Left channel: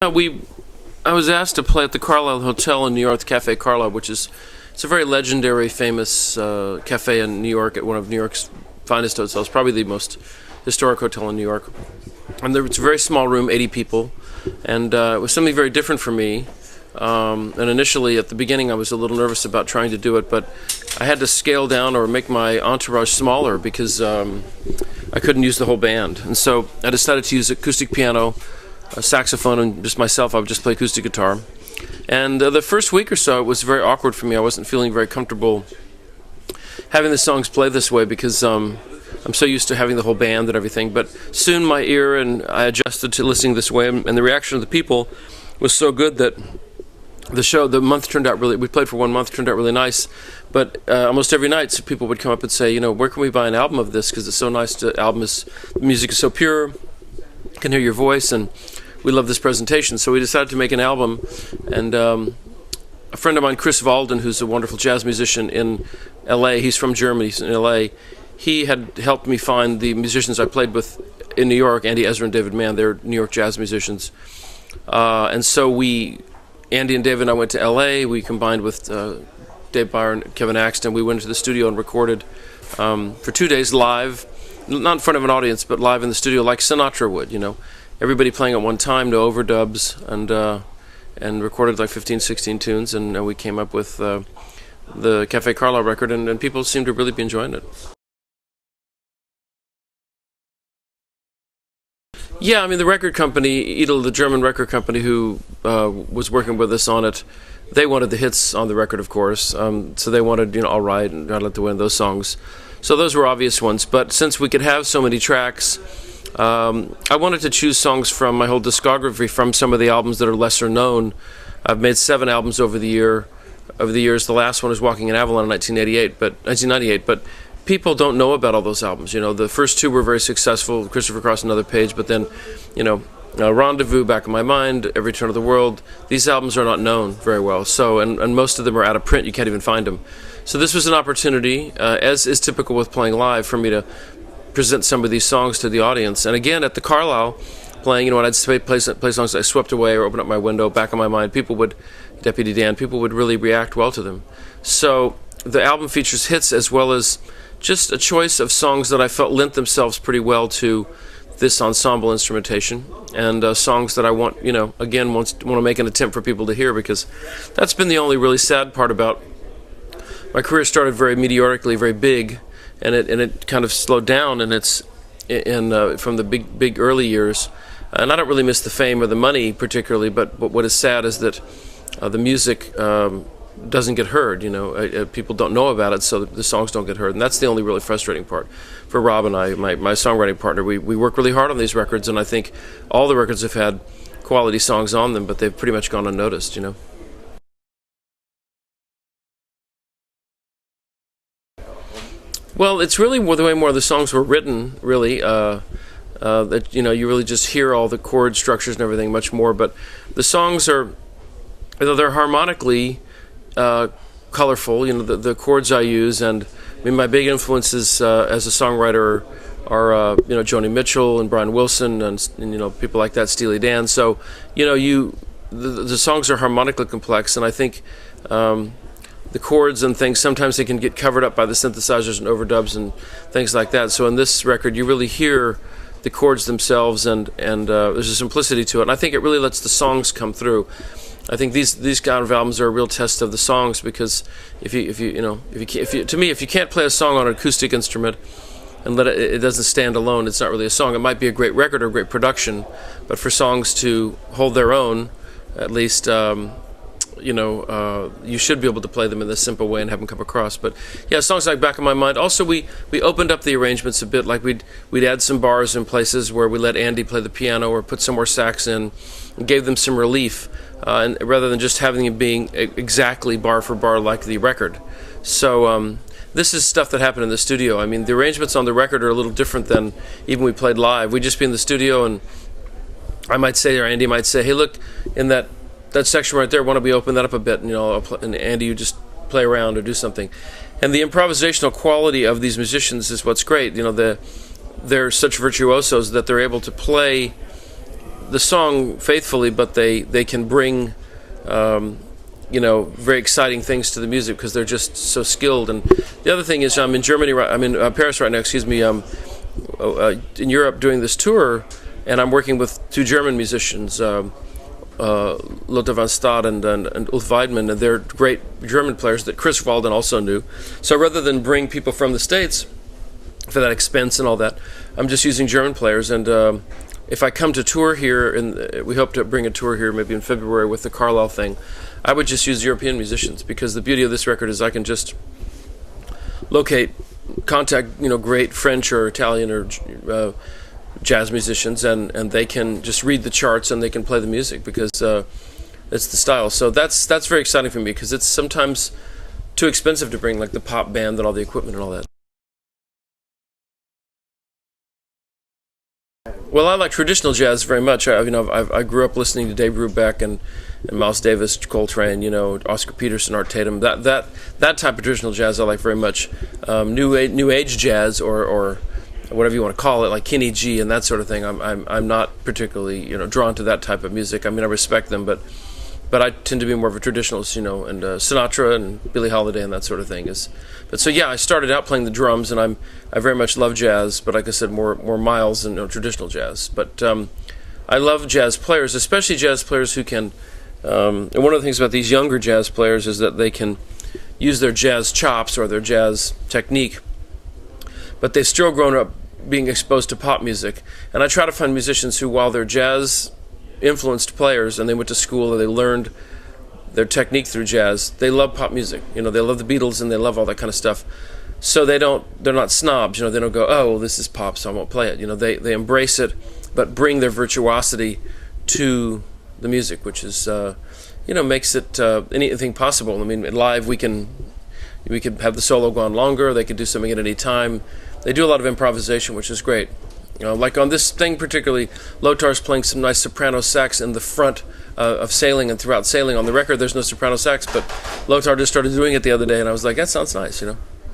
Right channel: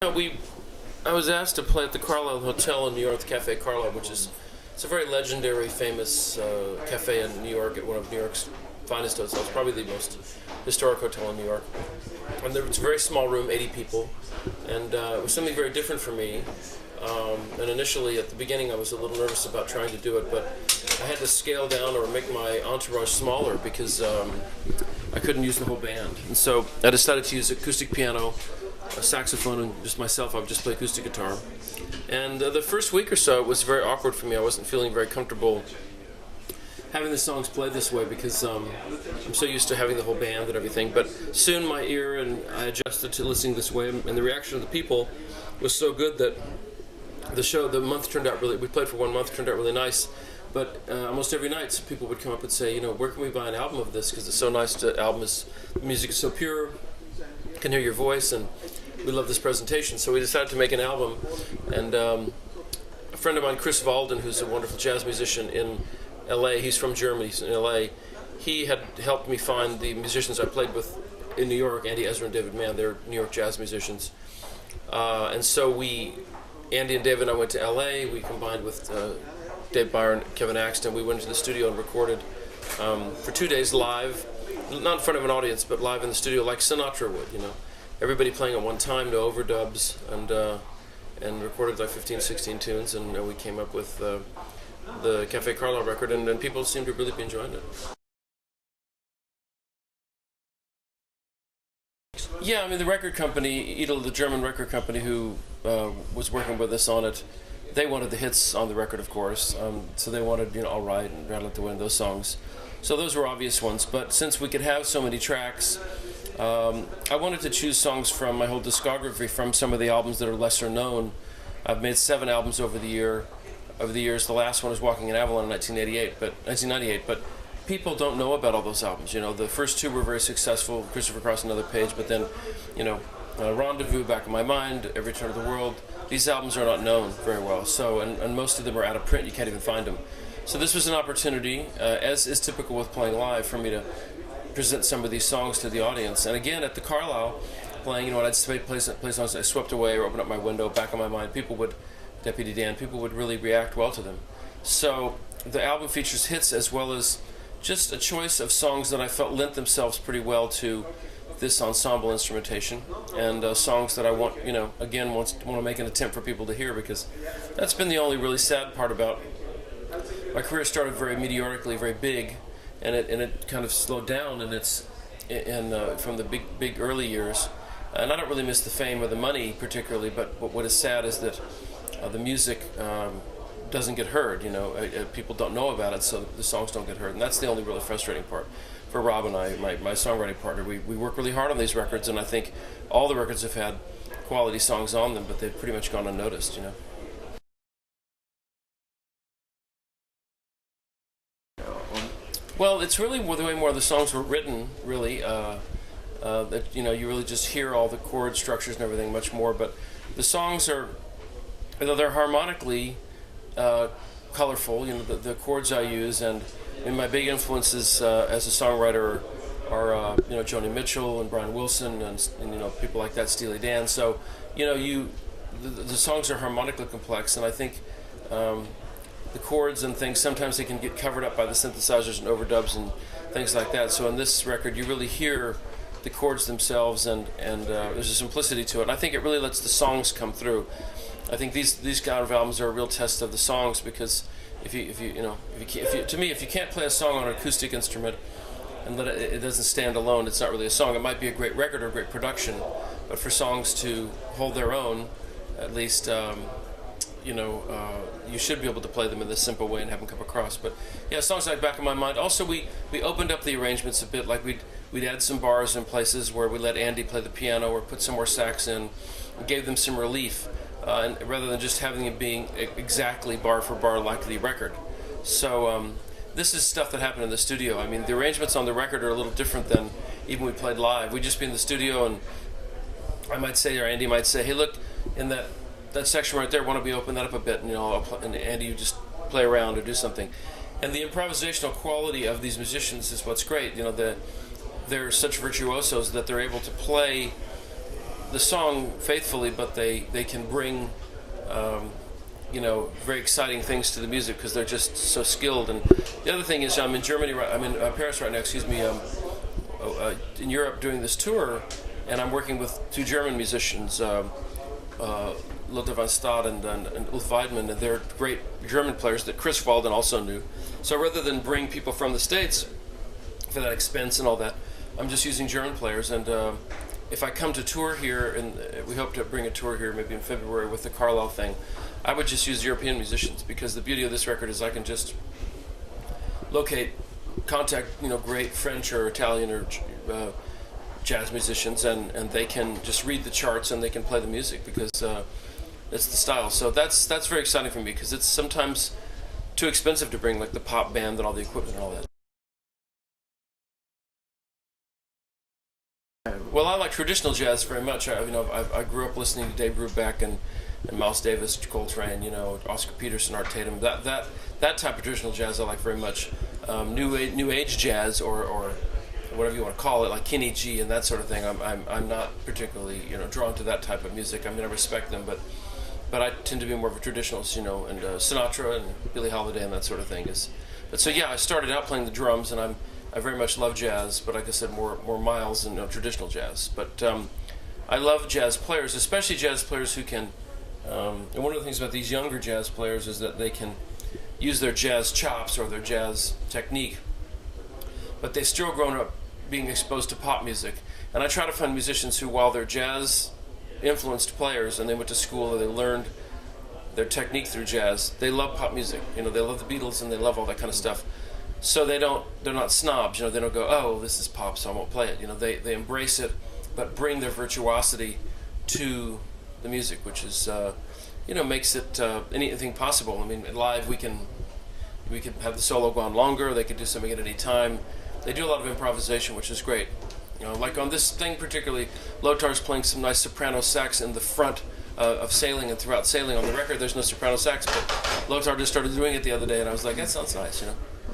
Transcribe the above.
I was asked to play at the Carlisle Hotel in New York, the Cafe Carlisle, it's a very legendary, famous cafe in New York, at one of New York's finest hotels, probably the most historic hotel in New York. And it's a very small room, 80 people, and it was something very different for me. And initially, at the beginning, I was a little nervous about trying to do it, but I had to scale down or make my entourage smaller because I couldn't use the whole band. And so I decided to use acoustic piano, a saxophone, and just myself. I would just play acoustic guitar. And the first week or so, it was very awkward for me. I wasn't feeling very comfortable having the songs play this way because I'm so used to having the whole band and everything. But soon my ear and I adjusted to listening this way, and the reaction of the people was so good that the month turned out really. We played for 1 month, turned out really nice. But almost every night, so people would come up and say, where can we buy an album of this? Because it's so nice. The music is so pure. I can hear your voice, and we love this presentation. So we decided to make an album, and a friend of mine, Chris Walden, who's a wonderful jazz musician in L.A., he's from Germany, he's in L.A., he had helped me find the musicians I played with in New York, Andy Ezra and David Mann. They're New York jazz musicians. And so Andy and David and I went to L.A., we combined with Dave Byer and Kevin Axton. We went into the studio and recorded for 2 days live, not in front of an audience, but live in the studio like Sinatra would, Everybody playing at one time, no overdubs, and recorded like 15, 16 tunes, and we came up with the Cafe Carlisle record, and people seem to really be enjoying it. Yeah, the record company, Edel, the German record company who was working with us on it, they wanted the hits on the record, of course, so they wanted, All Right and I'd Like to Win, those songs. So those were obvious ones, but since we could have so many tracks, I wanted to choose songs from my whole discography, from some of the albums that are lesser known. I've made 7 albums over the years. The last one is Walking in Avalon in 1998, but people don't know about all those albums. The first 2 were very successful, Christopher Cross and Another Page, but then, Rendezvous, Back in My Mind, Every Turn of the World, these albums are not known very well. So, and most of them are out of print, you can't even find them. So this was an opportunity, as is typical with playing live, for me to present some of these songs to the audience. And again, at the Carlisle, playing, when I'd play songs I Swept Away or Open Up My Window, Back in My Mind, Deputy Dan, people would really react well to them. So the album features hits as well as just a choice of songs that I felt lent themselves pretty well to this ensemble instrumentation, and songs that I want, again, want to make an attempt for people to hear, because that's been the only really sad part about my career. Started very meteorically, very big, and it kind of slowed down, and it's from the big early years. And I don't really miss the fame or the money particularly, but what is sad is that the music doesn't get heard. People don't know about it, so the songs don't get heard, and that's the only really frustrating part for Rob and I, my songwriting partner. We work really hard on these records, and I think all the records have had quality songs on them, but they've pretty much gone unnoticed. Well, it's really the way more of the songs were written, really. That you really just hear all the chord structures and everything much more. But the songs are, although they're harmonically colorful, the chords I use, and my big influences as a songwriter are Joni Mitchell and Brian Wilson and people like that, Steely Dan. So the songs are harmonically complex, and I think the chords and things, sometimes they can get covered up by the synthesizers and overdubs and things like that. So in this record, you really hear the chords themselves, and there's a simplicity to it. And I think it really lets the songs come through. I think these kind of albums are a real test of the songs, because if you can't play a song on an acoustic instrument and it doesn't stand alone, it's not really a song. It might be a great record or a great production, but for songs to hold their own, at least, you should be able to play them in this simple way and have them come across. But yeah, songs like Back in My Mind. Also, we opened up the arrangements a bit. Like we'd add some bars in places where we let Andy play the piano or put some more sax in, and gave them some relief, and rather than just having it being exactly bar for bar like the record. So this is stuff that happened in the studio. The arrangements on the record are a little different than even we played live. We'd just be in the studio, and I might say, or Andy might say, hey, look, in that section right there, why don't we open that up a bit, and Andy, you just play around or do something. And the improvisational quality of these musicians is what's great. They're such virtuosos that they're able to play the song faithfully, but they can bring very exciting things to the music because they're just so skilled. And the other thing is, I'm in Germany, I'm in Paris right now, excuse me, in Europe doing this tour, and I'm working with two German musicians, Lothar van Stad and Ulf Weidmann, and they're great German players that Chris Walden also knew. So rather than bring people from the States for that expense and all that, I'm just using German players. And if I come to tour here, and we hope to bring a tour here maybe in February with the Carlisle thing, I would just use European musicians, because the beauty of this record is I can just contact great French or Italian or jazz musicians, and they can just read the charts and they can play the music because it's the style. So that's very exciting for me, because it's sometimes too expensive to bring like the pop band and all the equipment and all that. Well, I like traditional jazz very much. I grew up listening to Dave Brubeck and Miles Davis, Coltrane, Oscar Peterson, Art Tatum. That type of traditional jazz I like very much. New age jazz or whatever you want to call it, like Kenny G and that sort of thing. I'm not particularly drawn to that type of music. I mean, I respect them, but I tend to be more of a traditionalist, and Sinatra and Billie Holiday and that sort of thing is. But so yeah, I started out playing the drums, and I very much love jazz, but like I said, more Miles than traditional jazz. But I love jazz players, especially jazz players who can. And one of the things about these younger jazz players is that they can use their jazz chops or their jazz technique, but they've still grown up being exposed to pop music. And I try to find musicians who, while they're jazz influenced players and they went to school or they learned their technique through jazz, they love pop music. They love the Beatles and they love all that kind of stuff. So they're not snobs. They don't go, oh, this is pop, so I won't play it. They embrace it, but bring their virtuosity to the music, which is makes it anything possible. I mean, live we can have the solo go on longer. They could do something at any time. They do a lot of improvisation, which is great. Like on this thing particularly, Lotar's playing some nice soprano sax in the front of Sailing and throughout Sailing. On the record, there's no soprano sax, but Lotar just started doing it the other day, and I was like, that sounds nice,